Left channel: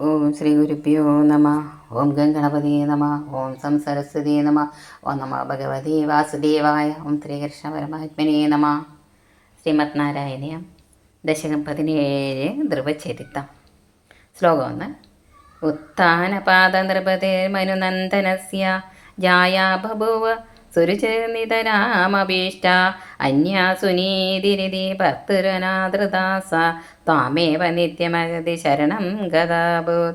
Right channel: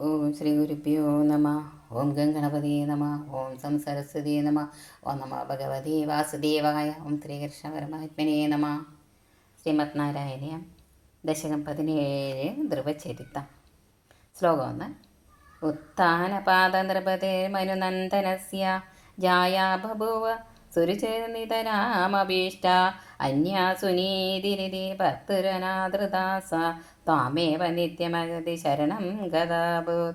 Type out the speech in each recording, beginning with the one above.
ഓം ശ്രീ ഗുരുഭ്യോ നമ. ഓം ഗംഗണപതി നമ. ഓം സം സരസ്വതി നമ. ഓം നമ ഭഗവതി വാസുദേവായ. ഓം ശ്രീകൃഷ്ണ പരമാത്മനെ നമ. ശ്രീമത് നാരായണീയം ദശകം പതിനേഴ് ധ്രുവചരിത്തം ശ്ലോകം ഒന്ന് ഉത്ഥാനപാദ നൃപതേ മനുനന്ദനസ്യ ജായാ ബഭുവ സുരുചരിതരാമഭീഷ്ട അന്യാ സുനീതിരിതി ഭർത്തൃനാദൃദാസ ത്വാമേവ നിത്യമഗതി ശരണം ഗതാഭൂത്.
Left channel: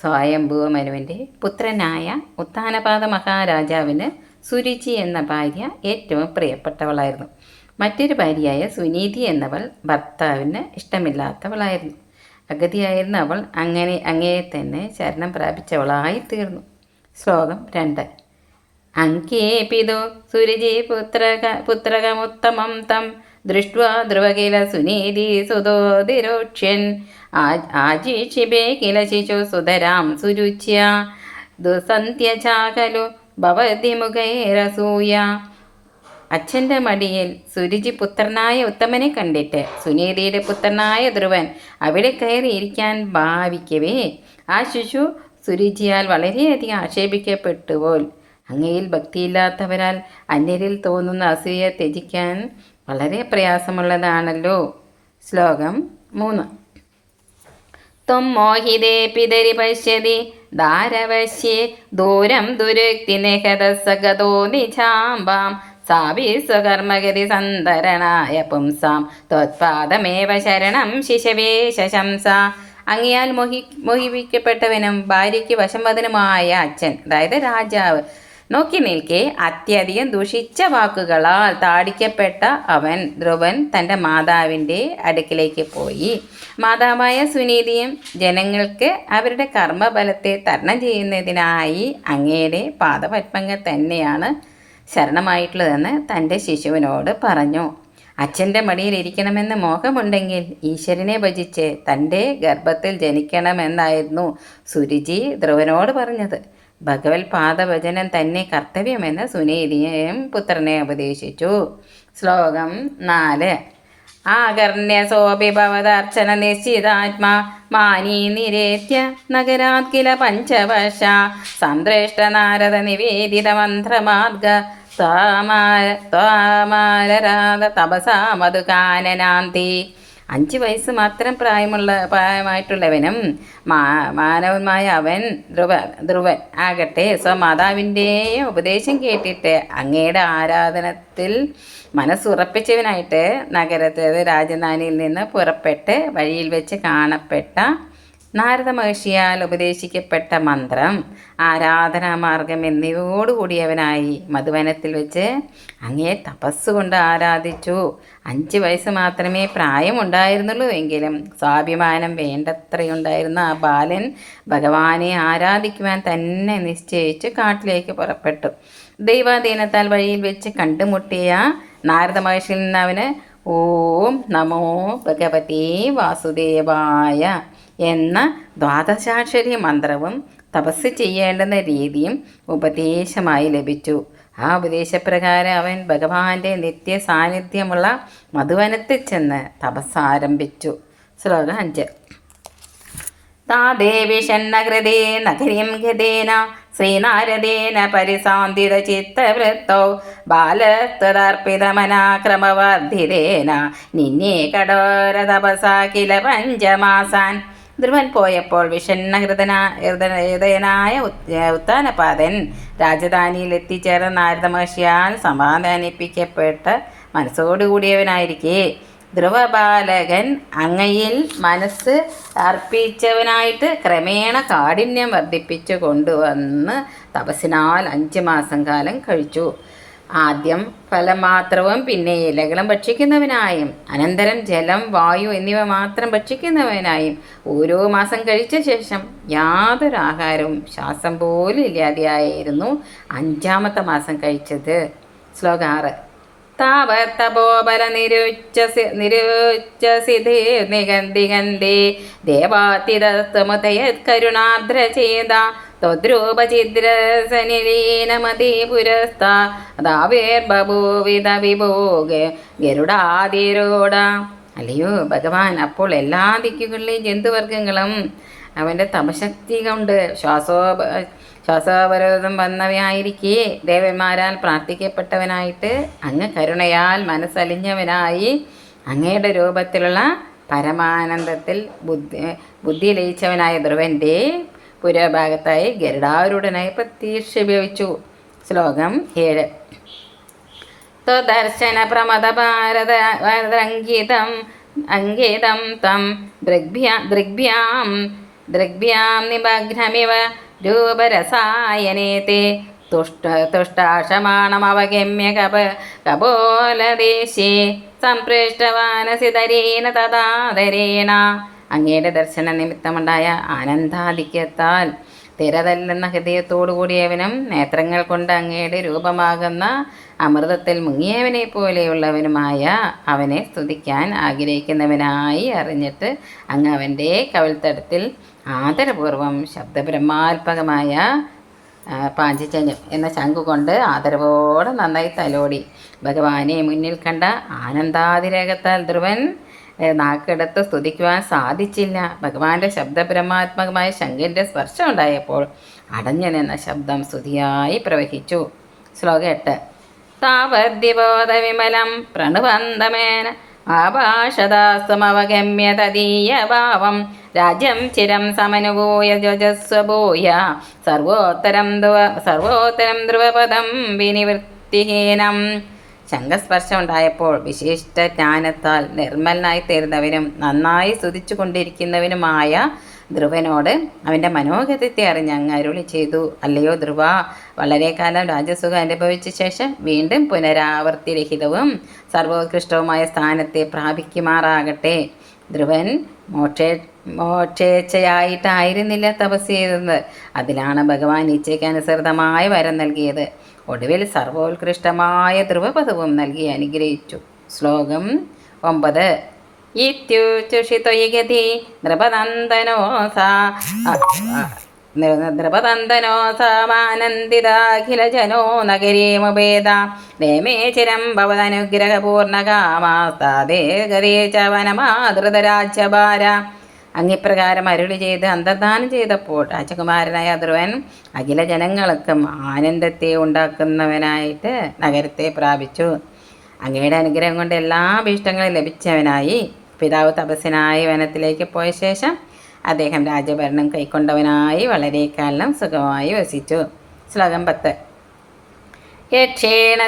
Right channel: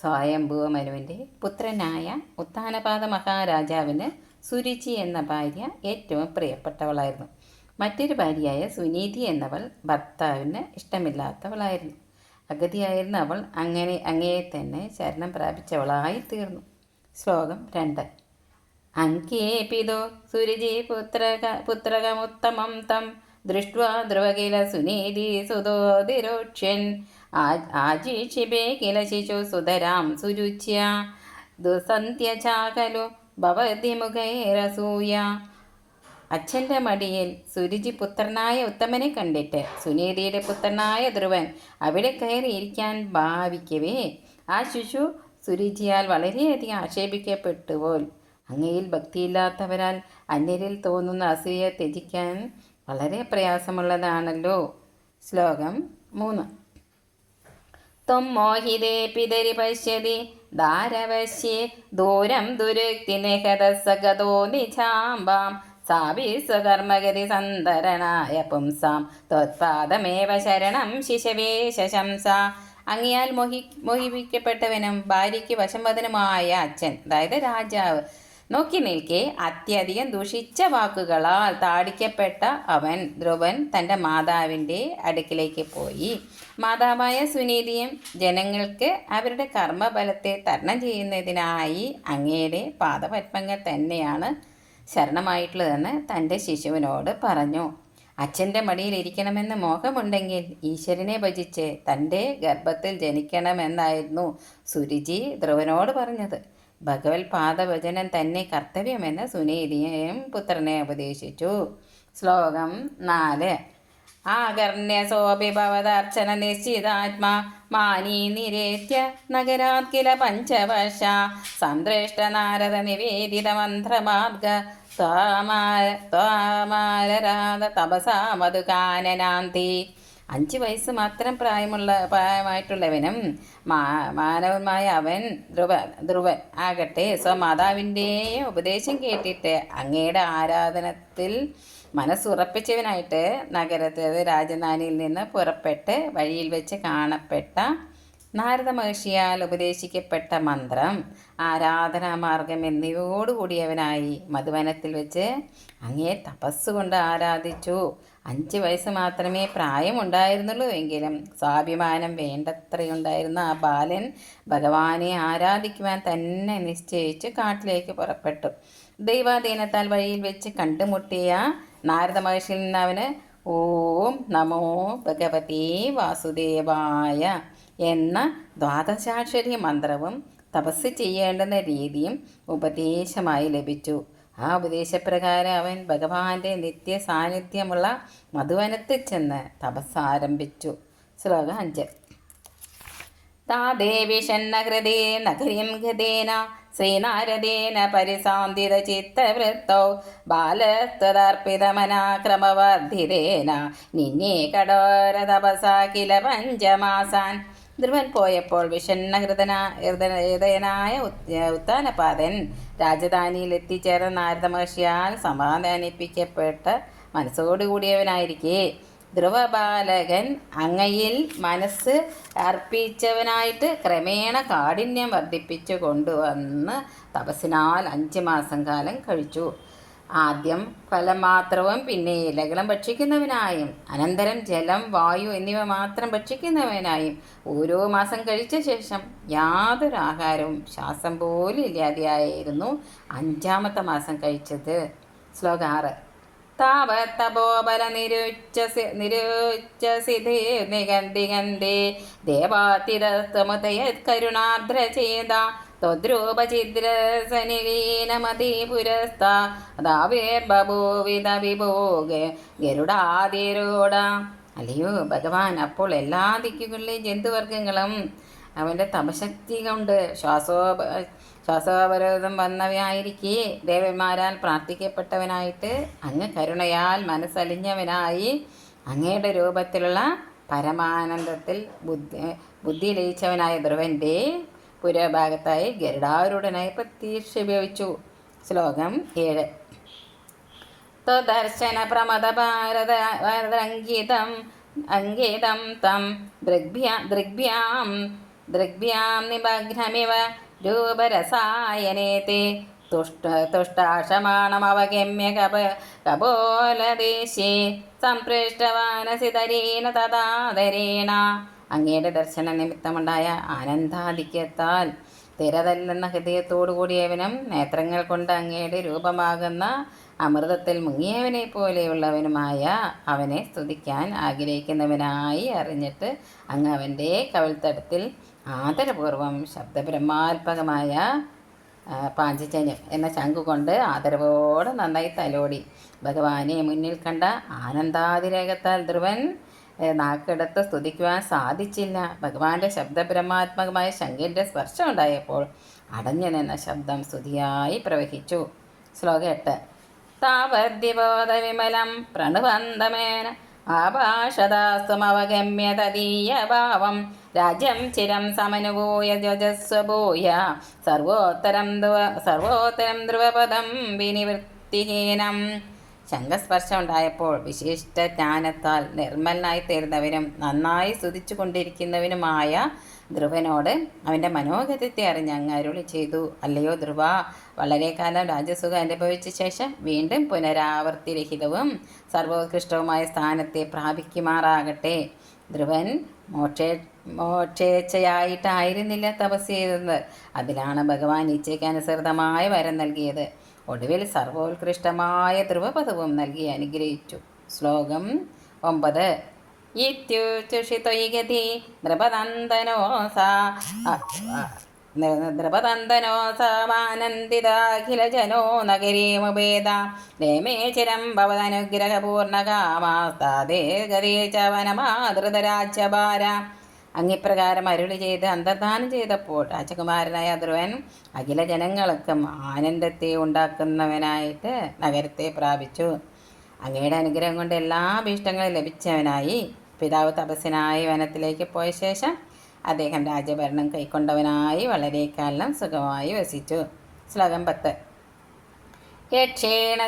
സ്വയംഭൂ മനുവിന്റെ പുത്രനായ ഉത്താനപാത മഹാരാജാവിന് സുരുചി എന്ന ഭാര്യ ഏറ്റവും പ്രിയപ്പെട്ടവളായിരുന്നു. മറ്റൊരു ഭാര്യയായ സുനീതി എന്നവൾ ഭർത്താവിന് ഇഷ്ടമില്ലാത്തവളായിരുന്നു. അഗതിയായിരുന്ന അവൾ അങ്ങനെ അങ്ങേ തന്നെ ശരണം പ്രാപിച്ചവളായി തീർന്നു ശ്ലോകം രണ്ട്. അങ്കേ പിതോ സുരജി പുത്രക പുത്രകമുത്തമം തം ദൃഷ്ട്വാ ധ്രുവകില സുനീതി സുതോതിരോക്ഷ്യൻ. ആജീക്ഷിപേ കില ശിശു സുതരാം സുരുച്യ. ദുസന്ധ്യചാകലു ഭവതി മുഖേരസൂയ അച്ഛന്റെ മടിയിൽ സുരുചി പുത്രനായ ഉത്തമനെ കണ്ടിട്ട് സുനീതിയുടെ പുത്രനായ ധ്രുവൻ അവിടെ കയറിയിരിക്കാൻ ഭാവിക്കവേ. ആ ശിശു സുരുചിയാൽ വളരെയധികം ആക്ഷേപിക്കപ്പെട്ടുപോൽ അങ്ങയിൽ ഭക്തിയില്ലാത്തവരാൽ അന്യരിൽ തോന്നുന്ന അസൂയ ത്യജിക്കാൻ വളരെ പ്രയാസമുള്ളതാണല്ലോ. ശ്ലോകം മൂന്ന്. ത്വം മോഹിതേ പിതരി പശ്യതി ദാരവശ്യേ ദൂരം ദുരുക്തി നിഹതസഗതോ നിജാംബാം സാവി സ്വകർമ്മഗതി സന്തരണായ പുംസാം. ത്വത്പാദമേവ ശരണം ശിശവേ ശശംസ. അങ്ങിയാൽ മോഹി മോഹിപ്പിക്കപ്പെട്ടവനും ഭാര്യയ്ക്ക് വശംവദനുമായ അച്ഛൻ അതായത് രാജാവ് നോക്കി നിൽക്കെ. അത്യധികം ദുഷിച്ച വാക്കുകളാൽ താടിക്കപ്പെട്ട അവൻ ധ്രുവൻ തന്റെ മാതാവിന്റെ അടുക്കിലേക്ക് പോയി. മാതാവായ സുനീതിയും ജനങ്ങൾക്ക് അവരുടെ കർമ്മബലത്തെ തരണം ചെയ്യുന്നതിനായി അങ്ങയുടെ പാദപത്മങ്ങൾ തന്നെയാണ് ശരണമായിട്ടുള്ളതെന്ന് തന്റെ ശിശുവിനോട് പറഞ്ഞു. അച്ഛന്റെ മടിയിൽ ഇരിക്കണമെന്ന് മോഹമുണ്ടെങ്കിൽ ഈശ്വരനെ ഭജിച്ച് തന്റെ ഗർഭത്തിൽ ജനിക്കണമെന്നായിരുന്നു സുരുചി ധ്രുവനോട് പറഞ്ഞത്. ഭഗവത് പാദവചനം തന്നെ കർത്തവ്യമെന്ന് സുനീതിയും പുത്രനെ ഉപദേശിച്ചു. ശ്ലോകം നാല്. ആകർണ്യസോപി ഭവദർച്ചന നിശ്ചിതാത്മാ മാനീ നിരേത്യ നഗരാത് കില പഞ്ചവശ സന്ദ്രേഷ്ട നാരദ നിവേദിത മന്ത്രമാർഗ ത്വാമാലരാഗ തപസാ മധുകാനനാന്തി അഞ്ച് വയസ്സ് മാത്രം പ്രായമുള്ള പ്രായമായിട്ടുള്ളവനും മാ മാനവന്മായ അവൻ ധ്രുവ ധ്രുവൻ ആകട്ടെ. സ്വമാതാവിന്റെ ഉപദേശം കേട്ടിട്ട് അങ്ങയുടെ ആരാധനത്തിൽ മനസ്സുറപ്പിച്ചവനായിട്ട് നഗരത്തിൽ രാജധാനിയിൽ നിന്ന് പുറപ്പെട്ട് വഴിയിൽ വെച്ച് കാണപ്പെട്ട നാരദ മഹർഷിയാൽ ഉപദേശിക്കപ്പെട്ട മന്ത്രം ആരാധനാമാർഗം എന്നിവയോടുകൂടിയവനായി മധുവനത്തിൽ വെച്ച് അങ്ങേ തപസ്സുകൊണ്ട് ആരാധിച്ചു. അഞ്ച് വയസ്സ് മാത്രമേ പ്രായമുണ്ടായിരുന്നുള്ളൂ എങ്കിലും സ്വാഭിമാനം വേണ്ടത്രയുണ്ടായിരുന്ന ആ ബാലൻ ഭഗവാനെ ആരാധിക്കുവാൻ തന്നെ നിശ്ചയിച്ച് കാട്ടിലേക്ക് പുറപ്പെട്ടു. ദൈവാധീനത്താൽ വഴിയിൽ വെച്ച് കണ്ടുമുട്ടിയ നാരദ മഹർഷിയിൽ നിന്ന് അവന് ഓം നമോ ഭഗവതി വാസുദേവായ എന്ന ദ്വാദശാക്ഷരി മന്ത്രവും തപസ് ചെയ്യേണ്ടുന്ന രീതിയും ഉപദേശമായി ലഭിച്ചു. ആ ഉപദേശപ്രകാരം അവൻ ഭഗവാന്റെ നിത്യ സാന്നിധ്യമുള്ള മധുവനത്തിൽ ചെന്ന് തപസ് ആരംഭിച്ചു ശ്ലോകം അഞ്ച്. ഷണ്ണകൃതേ നഗരീം ഗതേന ശ്രീനാരദേന പരിസാന്തിത ചിത്തവൃത്തൗ ബാലസ്തദർപ്പിതമനാക്രമവർദ്ധിതേന നിന്നെ കടോര തപസാ കില പഞ്ചമാസാൻ. ധ്രുവൻ പോയപ്പോൾ വിഷണ്ണഹൃദന ഹൃദയനായ ഉത്താനപാതൻ രാജധാനിയിൽ എത്തിച്ചേർന്ന നാരദ മഹർഷിയാൽ സമാധാനിപ്പിക്കപ്പെട്ട മനസ്സോടുകൂടിയവനായിരിക്കെ. ധ്രുവബാലകൻ അങ്ങയിൽ മനസ്സ് അർപ്പിച്ചവനായിട്ട് ക്രമേണ കാഠിന്യം വർദ്ധിപ്പിച്ചു കൊണ്ടുവന്ന് തപസ്സിനാൽ അഞ്ച് മാസം കാലം കഴിച്ചു. ആദ്യം ഫലം മാത്രവും പിന്നെ ഇലകളും ഭക്ഷിക്കുന്നവനായും അനന്തരം ജലം വായു എന്നിവ മാത്രം ഭക്ഷിക്കുന്നവനായും ഓരോ മാസം കഴിച്ച ശേഷം യാതൊരു ആഹാരവും ശ്വാസം പോലും ഇല്ലാതെയായിരുന്നു അഞ്ചാമത്തെ മാസം കഴിച്ചത്. ശ്ലോകം ആറ്. താപത്തപോബല നിരുച്ചസി നിഗന്തി ഗന്ധി കരുണാർദ്രചേത ത്വദ്രൂപചിദ്രസനിലീനമതി ഗരുഡാതിരോട. അല്ലയോ ഭഗവാൻ അപ്പോൾ എല്ലാ ദിക്കുകളിലെയും ജന്തുവർഗങ്ങളും അവന്റെ തപശക്തി കൊണ്ട് ശ്വാസോ ശ്വാസോപരോധം വന്നവയായിരിക്കെ. ദേവന്മാരാൽ പ്രാർത്ഥിക്കപ്പെട്ടവനായിട്ട് അങ്ങ് കരുണയാൽ മനസ്സലിഞ്ഞവനായി അങ്ങയുടെ രൂപത്തിലുള്ള പരമാനന്ദത്തിൽ ബുദ്ധി ബുദ്ധി ലയിച്ചവനായ ധ്രുവന്റെ പുരഭാഗത്തായി ഗരുഡാരൂഢനായി ഉപയോഗിച്ചു. ശ്ലോകം ഏഴ്. ദർശന പ്രമദ ഭാരത ഭാരതരംഗീതം അംഗീതം തം ദൃഗ്ഭ്യാ ദൃഗ്ഭ്യാം നിമഗ്നമിവ രൂപരസായനേ തേ തുഷ്ട തുഷ്ടാക്ഷമാണമവഗമ്യ കപ കപോലദേശേ. സംപൃഷ്ടവാനസിതരേണ തഥാതരേണ അങ്ങയുടെ ദർശന നിമിത്തമുണ്ടായ ആനന്ദാധിക്യത്താൽ തിരതല്ലുന്ന ഹൃദയത്തോടുകൂടിയവനും നേത്രങ്ങൾ കൊണ്ട് അങ്ങയുടെ രൂപമാകുന്ന അമൃതത്തിൽ മുങ്ങിയവനെ പോലെയുള്ളവനുമായ അവനെ സ്തുതിക്കാൻ ആഗ്രഹിക്കുന്നവനായി അറിഞ്ഞിട്ട് അങ്ങ് അവന്റെ കവിൾത്തടത്തിൽ ആദരപൂർവം ശബ്ദബ്രഹ്മാത്മകമായ പാഞ്ചജന്യം എന്ന ശംഖു കൊണ്ട് ആദരവോടെ നന്നായി തലോടി. ഭഗവാനെ മുന്നിൽ കണ്ട ആനന്ദാതിരേകത്താൽ ധ്രുവൻ നാക്കെടുത്ത് സ്തുതിക്കുവാൻ സാധിച്ചില്ല. ഭഗവാന്റെ ശബ്ദബ്രഹ്മാത്മകമായ ശംഖിന്റെ സ്പർശം ഉണ്ടായപ്പോൾ അടഞ്ഞു നിന്ന ശബ്ദം സ്തുതിയായി പ്രവഹിച്ചു. ശ്ലോകം എട്ട്. താവദ്യബോധവിമലം പ്രണുവന്തമേന ആഭാഷദാസ്തുമവഗമ്യ തദീയഭാവം. രാജ്യം ചിരം സമനുഭൂയ ജജസ്വഭൂയ സർവോത്തരം ധ്രുവ സർവോത്തരം ധ്രുവപദം വിനിവൃത്തിഹീനം. ശംഖസ്പർശം ഉണ്ടായപ്പോൾ വിശിഷ്ട ജ്ഞാനത്താൽ നിർമ്മലനായി തീർന്നവനും നന്നായി സ്തുതിച്ചു കൊണ്ടിരിക്കുന്നവനുമായ ധ്രുവനോട് അവന്റെ മനോഗതത്തെ അറിഞ്ഞ് അങ്ങ് അരുളി ചെയ്തു. അല്ലയോ ധ്രുവ വളരെ കാലം രാജസുഖം അനുഭവിച്ച ശേഷം വീണ്ടും പുനരാവർത്തിരഹിതവും സർവോത്കൃഷ്ടവുമായ സ്ഥാനത്തെ പ്രാപിക്കുമാറാകട്ടെ. ധ്രുവൻ മോക്ഷേ മോക്ഷേച്ഛയായിട്ടായിരുന്നില്ല തപസ് ചെയ്തത്. അതിലാണ് ഭഗവാൻ ഇച്ഛയ്ക്കനുസൃതമായ വരം നൽകിയത്. ഒടുവിൽ സർവോത്കൃഷ്ടമായ ധ്രുവപദവും നൽകി അനുഗ്രഹിച്ചു. ശ്ലോകം ഒമ്പത്. ഇത്യുച്ചുഷിത്വയഗതി നൃപനന്ദനോസ. സാ നൃപനന്ദനോ സാമാനന്ദിതാഖിലജനോ നഗരീമുപേത. രമേ ചിരം ഭവതനുഗ്രഹപൂർണകാമാസ്താദേ ഗതേ ച വനമാതൃതരാജ്യഭാര അങ്ങിപ്രകാരം അരുളി ചെയ്ത് അന്തർദാനം ചെയ്തപ്പോൾ രാജകുമാരനായ ധ്രുവൻ അഖില ജനങ്ങൾക്കും ആനന്ദത്തെ ഉണ്ടാക്കുന്നവനായിട്ട് നഗരത്തെ പ്രാപിച്ചു. അങ്ങയുടെ അനുഗ്രഹം കൊണ്ട് എല്ലാ ഭീഷ്ടങ്ങളും ലഭിച്ചവനായി. പിതാവ് തപസ്സിനായി വനത്തിലേക്ക് പോയ ശേഷം അദ്ദേഹം രാജഭരണം കൈക്കൊണ്ടവനായി വളരെക്കാലം കാലം സുഖമായി വസിച്ചു. ശ്ലോകം പത്ത്. യക്ഷേണ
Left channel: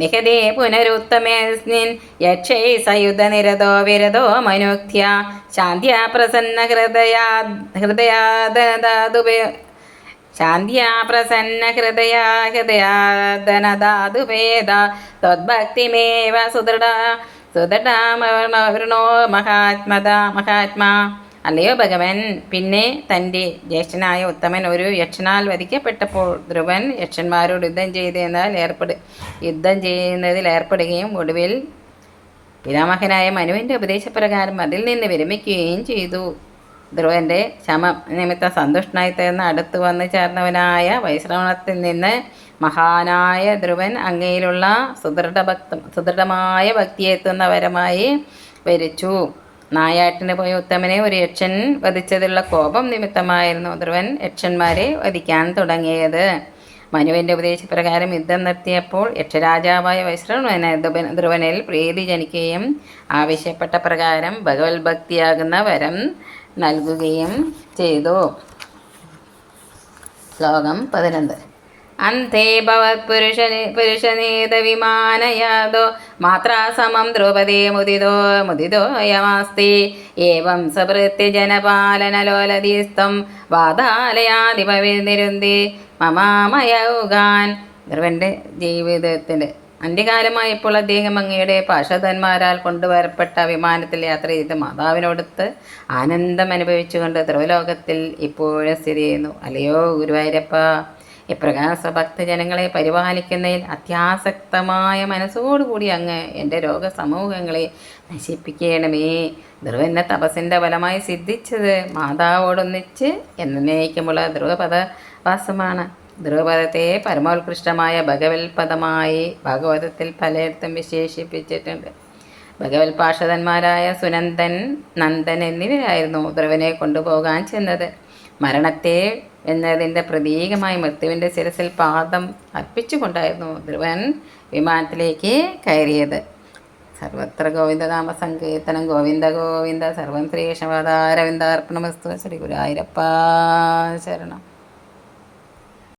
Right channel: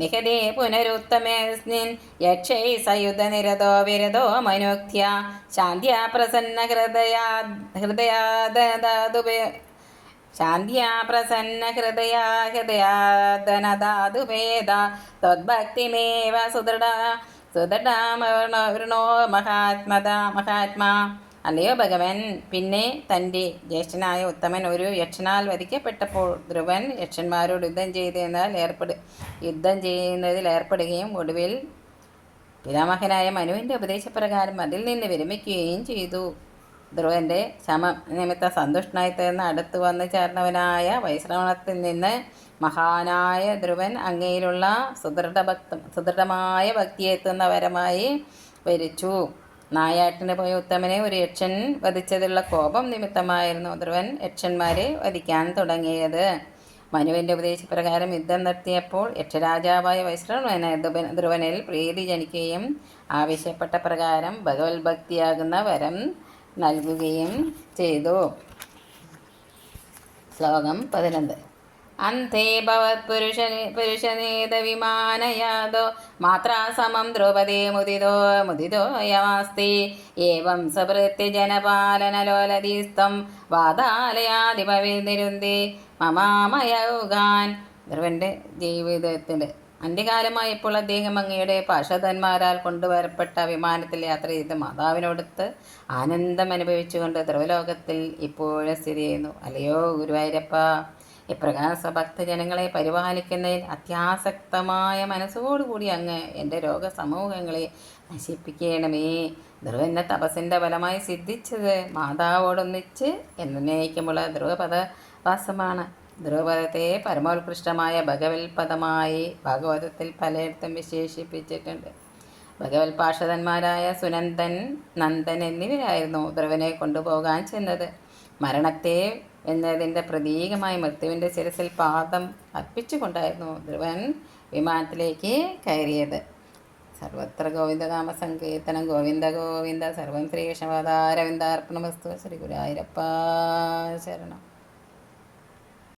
നിഹദേ പുനരുത്തമേസ്മിൻ യക്ഷൈ സയുധ നിരതോ വിരതോ മനുക്യ ശാന്ത്യാ പ്രസന്ന ഹൃദയാ ഹൃദയാദാതുപേ പ്രസന്ന ഹൃദയാ ഹൃദയാദനദാതുപേദ ത്വദ്ഭക്തിമേവ സുദൃഢ സുദൃഢ മഹാത്മത മഹാത്മാ. അല്ലയോ ഭഗവൻ? പിന്നെ തന്റെ ജ്യേഷ്ഠനായ ഉത്തമൻ ഒരു യക്ഷനാൽ വധിക്കപ്പെട്ടപ്പോൾ ധ്രുവൻ യക്ഷന്മാരോട് യുദ്ധം ചെയ്തെന്നാൽ ഏർപ്പെട് യുദ്ധം ചെയ്യുന്നതിൽ ഏർപ്പെടുകയും ഒടുവിൽ പിതാമഹനായ മനുവിന്റെ ഉപദേശപ്രകാരം അതിൽ നിന്ന് വിരമിക്കുകയും ചെയ്തു. ധ്രുവന്റെ ശമ നിമിത്തം സന്തുഷ്ടനായി തീർന്ന് അടുത്ത് വന്ന് ചേർന്നവനായ വൈശ്രവണത്തിൽ നിന്ന് മഹാനായ ധ്രുവൻ അങ്ങയിലുള്ള സുദൃഢ ഭക്ത സുദൃഢമായ ഭക്തിയെത്തുന്നവരമായി വരിച്ചു. നായാട്ടിന് പോയ ഉത്തമനെ ഒരു യക്ഷൻ വധിച്ചതിലുള്ള കോപം നിമിത്തമായിരുന്നു ധ്രുവൻ യക്ഷന്മാരെ വധിക്കാൻ തുടങ്ങിയത്. മനുവിന്റെ ഉപദേശപ്രകാരം യുദ്ധം നിർത്തിയപ്പോൾ യക്ഷരാജാവായ വൈശ്രവനെ ധ്രുവനിൽ പ്രീതി ജനിക്കുകയും ആവശ്യപ്പെട്ട പ്രകാരം ഭഗവത് ഭക്തിയാകുന്ന വരം നൽകുകയും ചെയ്തു. ശ്ലോകം പതിനൊന്ന്. അന്തേ ഭവത് പുരുഷ പുരുഷനേത വിമാനയാതോ മാത്രാ സമം ദ്രൗപദേ മുദിതോ മുദിതോ യമാസ്തി. ഏവം സഭൃത്യ ജനപാലനലോലതീസ്തം വാതാലയാധിപവിരുന്തി മമാമയൗകാൻ ധ്രുവന്റെ ജീവിതത്തിന്റെ അന്ത്യകാലമായപ്പോൾ അദ്ദേഹം അങ്ങയുടെ പാർഷധന്മാരാൽ കൊണ്ടുവരപ്പെട്ട വിമാനത്തിൽ യാത്ര ചെയ്ത് മാതാവിനോടൊത്ത് ആനന്ദം അനുഭവിച്ചുകൊണ്ട് ധ്രുവലോകത്തിൽ ഇപ്പോഴും സ്ഥിതി ചെയ്യുന്നു. അല്ലയോ ഗുരുവായൂരപ്പ. ഇപ്രകാരം സ്വഭക്തജനങ്ങളെ പരിപാലിക്കുന്നതിൽ അത്യാസക്തമായ മനസ്സോടുകൂടി അങ്ങ് എന്റെ രോഗസമൂഹങ്ങളെ നശിപ്പിക്കണമേ. ധ്രുവന്റെ തപസ്സിന്റെ ഫലമായി സിദ്ധിച്ചത് മാതാവോടൊന്നിച്ച് എന്നേക്കുമുള്ള ധ്രുവപദവാസമാണ്. ധ്രുവപദത്തെ പരമോത്കൃഷ്ടമായ ഭഗവത് പദമായി ഭാഗവതത്തിൽ പലയിടത്തും വിശേഷിപ്പിച്ചിട്ടുണ്ട്. ഭഗവത് സുനന്ദൻ നന്ദൻ എന്നിവരായിരുന്നു ധ്രുവനെ കൊണ്ടുപോകാൻ ചെന്നത്. മരണത്തെ എന്നതിന്റെ പ്രതീകമായി മൃത്യുവിന്റെ ശിരസിൽ പാദം അർപ്പിച്ചുകൊണ്ടായിരുന്നു ധ്രുവൻ വിമാനത്തിലേക്ക് കയറിയത്. സർവത്ര ഗോവിന്ദനാമ സങ്കീർത്തനം ഗോവിന്ദ ഗോവിന്ദ. സർവം ശ്രീ കൃഷ്ണപാദാരവിന്ദാർപ്പണമസ്തു ശ്രീ ഗുരായിരപ്പ ശരണം.